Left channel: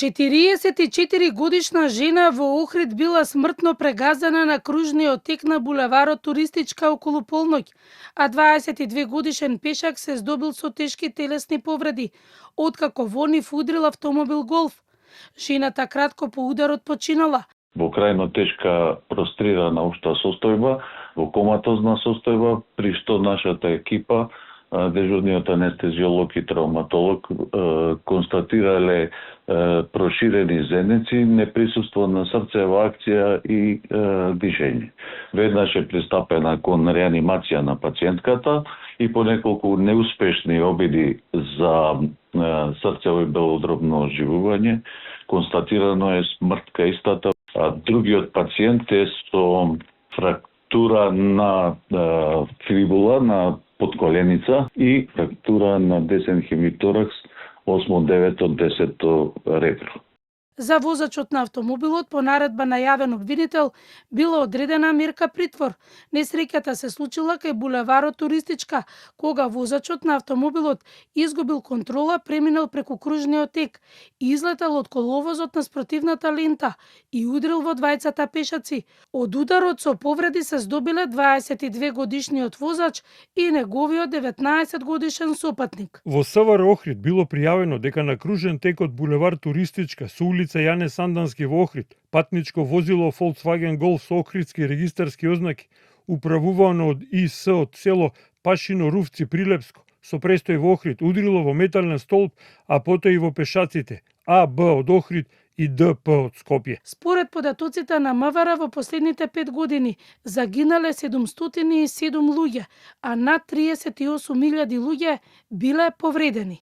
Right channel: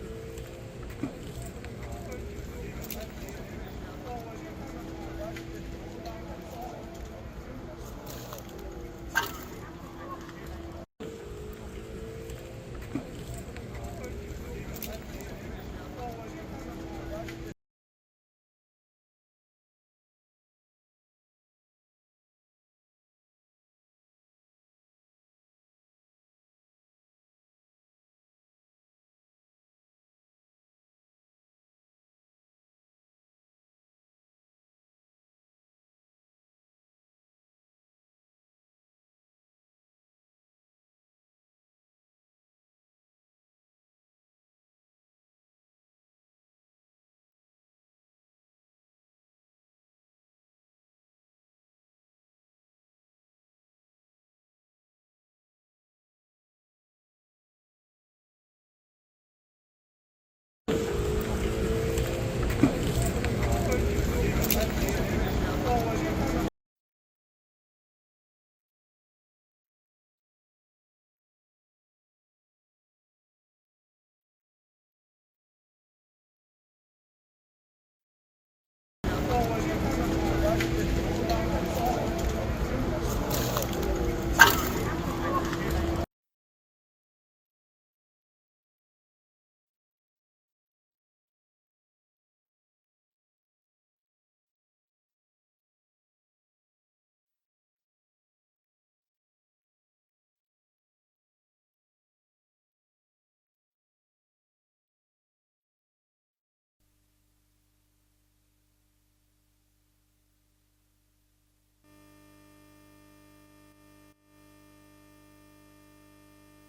44 годишна жена во Охрид била смртно прегазена на кружниот тек на булеварот Туристичка околу полноќ, а 22 годишен пешак се здобил со тешки телесни повреди, откако во нив удрил автомобил Голф. Жената кратко по ударот починала. Во крајно тешка прострирана општа состојба, во коматозна состојба, при што нашата екипа, дежурниот анестезиолог и травматолог, констатирале проширени зенеци, неприсуство на срцева акција и дишење. Веднаш е пристапена кон реанимација на пациентката и по неколку неуспешни обиди за срцево и белодробно оживување, констатирано е смрт кај истата, а другиот пациент е со фрактура на фибула на подколеница и фрактура на десен хемиторакс 8-9-10 ребро. За возачот на автомобилот по наредба на јавен обвинител била одредена мерка притвор. Несреќата се случила кај булеварот Туристичка, кога возачот на автомобилот изгубил контрола, преминал преку кружниот тек, излетал од коловозот на спротивната лента и удрил во двајцата пешаци. Од ударот со повреди се здобиле 22 годишниот возач и неговиот 19 годишен сопатник. Во СВР Охрид било пријавено дека на кружен тек од булевар Туристичка со улица Јане Сандански во Охрид патничко возило Volkswagen Golf со охридски регистарски ознаки, управувано од ИС од село Пашино Рувци Прилепско, со престој во Охрид, удрило во метален столб, а потоа и во пешаците АБ од Охрид и ДП од Скопје. Според податоците на МВР во последните 5 години загинале 707 луѓе, а над 38.000 луѓе биле повредени.